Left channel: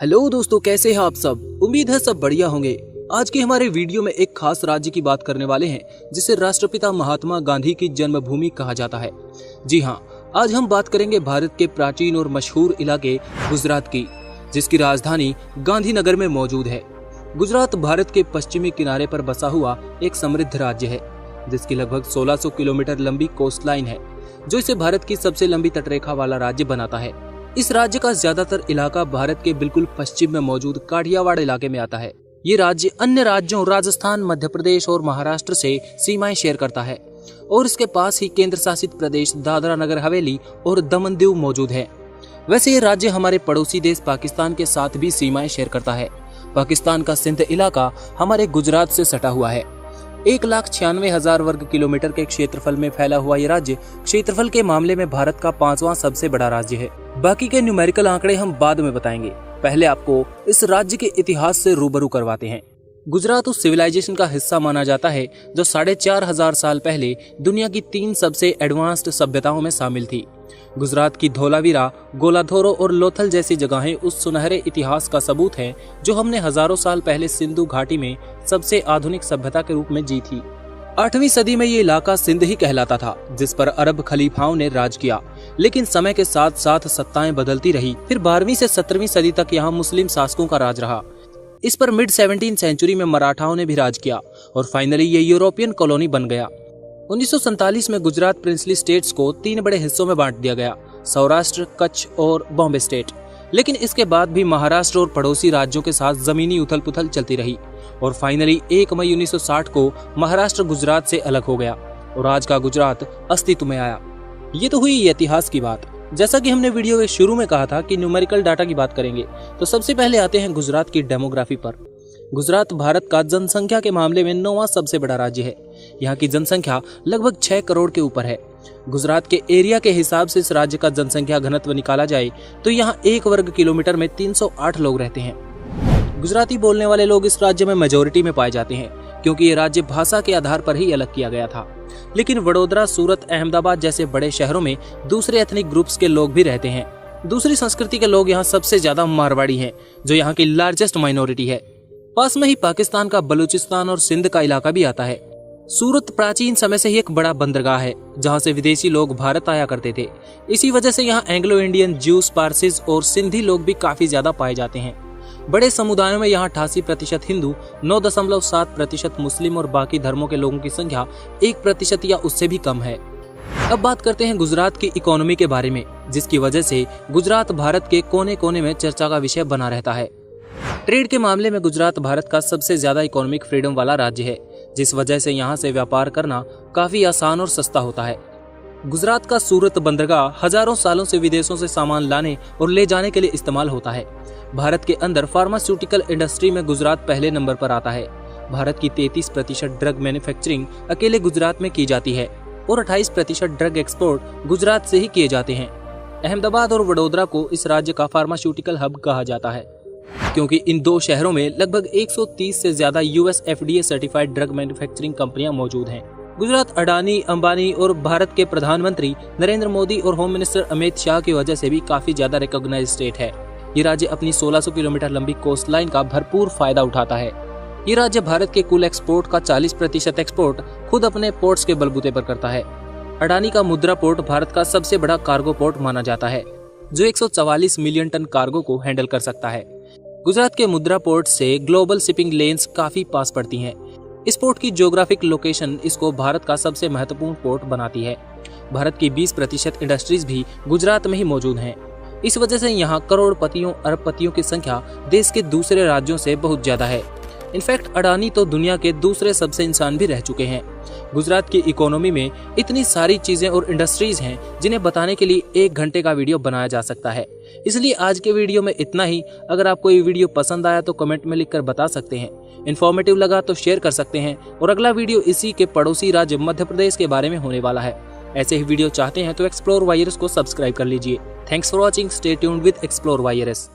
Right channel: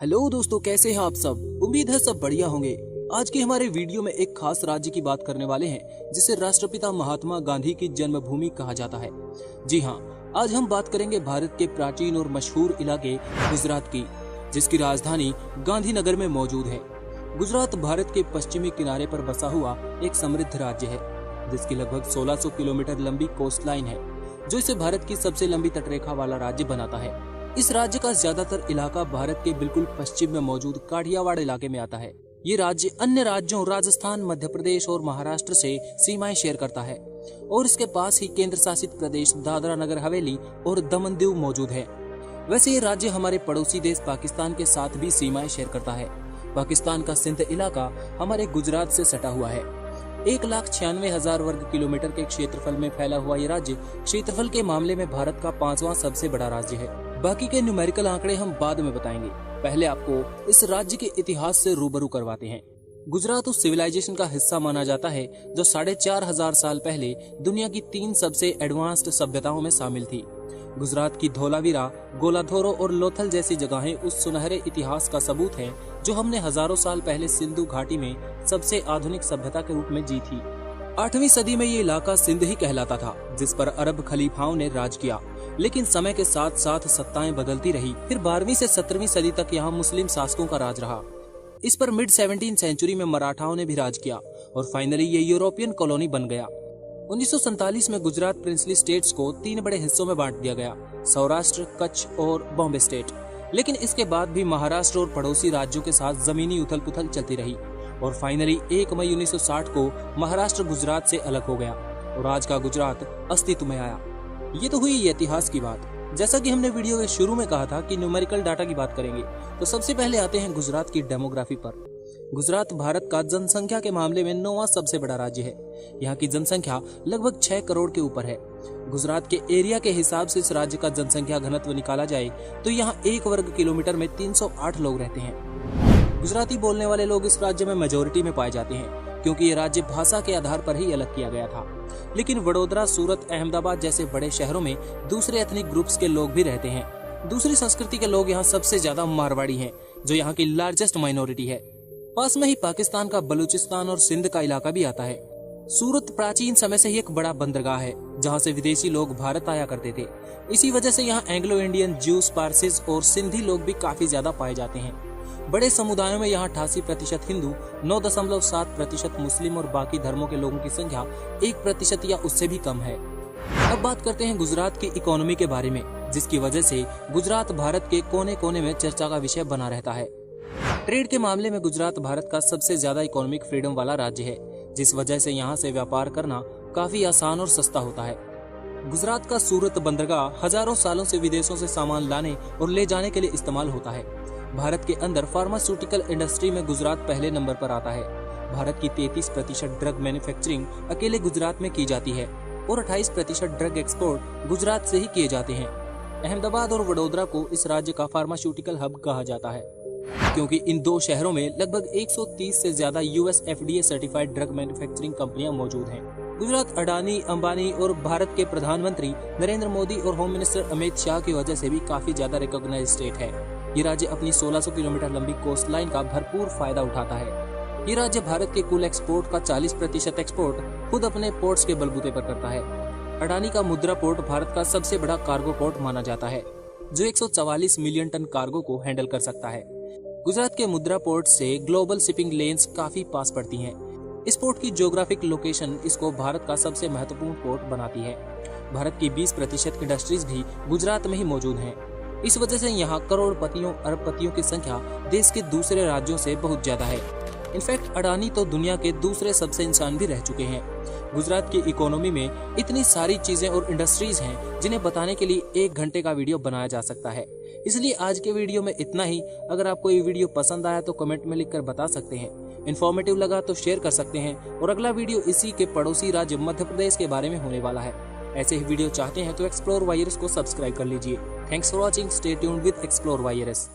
Hello दोस्तों, कैसे हैं आप सब। उम्मीद है सब बढ़िया होंगे। आज के हमारे वीडियो में एक खास राज्य की बात करने वाले हैं जिसे राष्ट्रपिता महात्मा गांधी की जन्मभूमि कहा जाता है। जी हाँ, आज हम बात करेंगे भारत के प्राचीन और मशहूर इलाके गुजरात की, जिसकी राजधानी गांधीनगर में मौजूद है। गुजरात भारत के पश्चिमी किनारे पर बसा हुआ एक समृद्ध राज्य है, जिसकी लगभग 1600 किलोमीटर लंबी कोस्ट लाइन है, जो इसे भारत की सबसे लंबी तटरेखा वाला राज्य बनाता है। इस राज्य का ज्यादातर इलाका भारत के बिल्कुल पश्चिम में मौजूद काठियावाड़ इलाके में आता है। ये राज्य अन्य राज्यों राजस्थान, मध्य प्रदेश और महाराष्ट्र से सीमाएं शेयर करता है और इसके पास ही केंद्र शासित प्रदेश दादरा नगर हवेली और दमन दीव मौजूद है। वैसे ये राज्य हमारे पड़ोसी देश पाकिस्तान के साथ भी सीमाएं शेयर करता है। पाकिस्तान का सिंध इलाका हमारे गुजरात से सटा हुआ है। 1,96,000 वर्ग किलोमीटर के क्षेत्रफल में फैला हुआ ये राज्य क्षेत्रफल के मामले में भारत का 5वां सबसे बड़ा राज्य है। बाकी के न्यूमेरिकल आंकड़े हम बाद में बताएंगे। पहले आपको इस राज्य के इतिहास से रूबरू करवाते हैं। गुजरात उस सिविलाइजेशन का हिस्सा माना जाता है जो 4,500 साल पहले दुनिया की 3 सबसे एडवांस्ड सभ्यताओं में शामिल थी। गुजरात की धोलावीरा, गोलाधोरो और लोथल जैसी जगहें उस सुनहरे इतिहास का सबूत हैं जो हमने हजारों साल पहले सिंधु घाटी में सबसे आधुनिक सभ्यता के रूप में जी थी। 8वीं सदी में ये इलाका सिंध ही कहलाता था, जिस पर अरब खलीफाओं ने राज किया। लेकिन समय के साथ साथ सत्ताएं बदलती रही। फिर 12वीं से 17वीं सदी तक यहाँ मुस्लिम शासकों का राज रहा। इस पर मिड 17th सेंचुरी में मराठाओं ने भी राज किया और फाइनली ये यूरोपियन कॉलोनी बन गया। 1947 में गुजरात प्रिंसली स्टेट्स को 3 बड़े हिस्सों में बांट दिया गया, सौराष्ट्र, कच्छ और बॉम्बे स्टेट। लेकिन इसके बाद भी महाराष्ट्र और पड़ोसी राज्यों के साथ जमीनी उथल पुथल चलती रही और फाइनली 1 मई 1960 को महाराष्ट्र गुजरात से अलग हो गया और आज का गुजरात अस्तित्व में आया। ये तो हुई इतिहास की बात। जैसा कि हमने वीडियो के शुरू में कहा था कि न्यूमेरिकल डाटा की बात करेंगे, तो सबसे पहले आते हैं गुजरात की डेमोग्राफी पर। गुजरात भारत का जनसंख्या के मामले में 9वां सबसे बड़ा राज्य है। यहाँ की जनसंख्या लगभग 6 करोड़ के ऊपर है। गुजरात के एरिया के हिसाब से इस राज्य का जनसंख्या घनत्व निकाला जाए तो यहाँ 1 वर्ग किलोमीटर में 308 लोग रहते हैं। गुजराती बोलने वाले लोग इस राज्य में मेजोरिटी में पाए जाते हैं, क्योंकि ये राज्य भाषा के आधार पर ही अलग किया गया था। लेकिन वडोदरा, सूरत, अहमदाबाद जैसे बड़े शहरों में दूसरे एथनिक ग्रुप्स के लोग भी रहते हैं। दूसरी संस्कृति के लोग यहाँ सबसे ज्यादा मारवाड़ी हैं, जो यहाँ की लार्जेस्ट माइनॉरिटी है। पास में ही पाकिस्तान का बलूचिस्तान और सिंध का इलाका भी आता है। सूरत प्राचीन समय से ही एक बड़ा बंदरगाह है, जहाँ से विदेशी लोग भारत आया करते थे। इसी वजह से यहाँ एंग्लो इंडियन, ज्यूस, पारसीज और सिंधी लोग भी काफी ज्यादा पाए जाते हैं। बड़े समुदायों में यहाँ 88% हिंदू, 9.7% मुस्लिम और बाकी धर्मों के लोगों की संख्या 1% या उससे भी कम है। अब बात करते हैं गुजरात की इकोनॉमी के बारे में, जिसकी वजह से गुजरात भारत के कोने कोने में चर्चा का विषय बना रहता है। ट्रेड के मामले में गुजरात भारत का सबसे ज्यादा इकोनॉमिक फ्रीडम वाला राज्य है, जिस वजह से यहाँ से व्यापार करना काफी आसान और सस्ता होता है। गुजरात का सूरत बंदरगाह हजारों सालों से विदेशों से सामान लाने और ले जाने के लिए इस्तेमाल होता है। भारत के अंदर फार्मास्यूटिकल इंडस्ट्री में गुजरात पहले नंबर पर आता है। भारत की 33% ड्रग मैन्युफैक्चरिंग अकेले गुजरात में की जाती है और 28% ड्रग एक्सपोर्ट गुजरात से ही किए जाते हैं। अहमदाबाद और वडोदरा को इस राज्य का फार्मास्यूटिकल हब कहा जाता है, क्योंकि इन 2 शहरों में लगभग 130 से ज्यादा US FDA certified drug manufacturing कंपनियां मौजूद हैं। गुजरात अडानी, अंबानी और भारत के प्रधानमंत्री नरेंद्र मोदी और होम मिनिस्टर अमित शाह की वजह से भी काफी ज्यादा रिकॉग्नाइज्ड स्टेट है। ये राज्य अपनी 1600 किलोमीटर लंबी कोस्ट लाइन का भरपूर फायदा उठाता है। ये राज्य भारत के कुल एक्सपोर्ट का 40% एक्सपोर्ट खुद अपने पोर्ट्स के बलबूते पर करता है। अडानी का मुद्रा पोर्ट भारत का सबसे बड़ा कार्गो पोर्ट माना जाता है, जो 144 मिलियन टन कार्गो को हैंडल कर सकता है। गुजरात के मुद्रा पोर्ट से ग्लोबल शिपिंग लेन्स काफी पास पड़ती हैं। इस पोर्ट की ज्योग्राफिक लोकेशन इसको भारत का सबसे महत्वपूर्ण पोर्ट बनाती है। भारत की 20% इंडस्ट्रीज भी गुजरात में ही मौजूद हैं। इस वजह से यहाँ करोड़पतियों, अरबपतियों की संख्या देश के दूसरे राज्यों से बहुत ज्यादा है। इनफैक्ट अडानी तो दुनिया के दूसरे सबसे इंसान भी रह चुके हैं। गुजरात की इकोनॉमी में इतनी सारी चीजें और इंडस्ट्रीज हैं जिन्हें बताने के लिए 1 घंटे का वीडियो बनाया जा सकता है। इसलिए आज के वीडियो में इतना ही। अगर आपको ये वीडियो पसंद आया तो कमेंट में लिखकर बता सकते हैं। इन्फॉर्मेटिव लगा तो शेयर कर सकते हैं। और अगला वीडियो इसी के पड़ोसी राज्य मध्य प्रदेश के बारे में होने वाला है। ऐसे ही वीडियो चाहते हैं तो एक्सप्लोर वायरस को सब्सक्राइब कर लीजिए। Thanks for watching. Stay tuned with explore virus.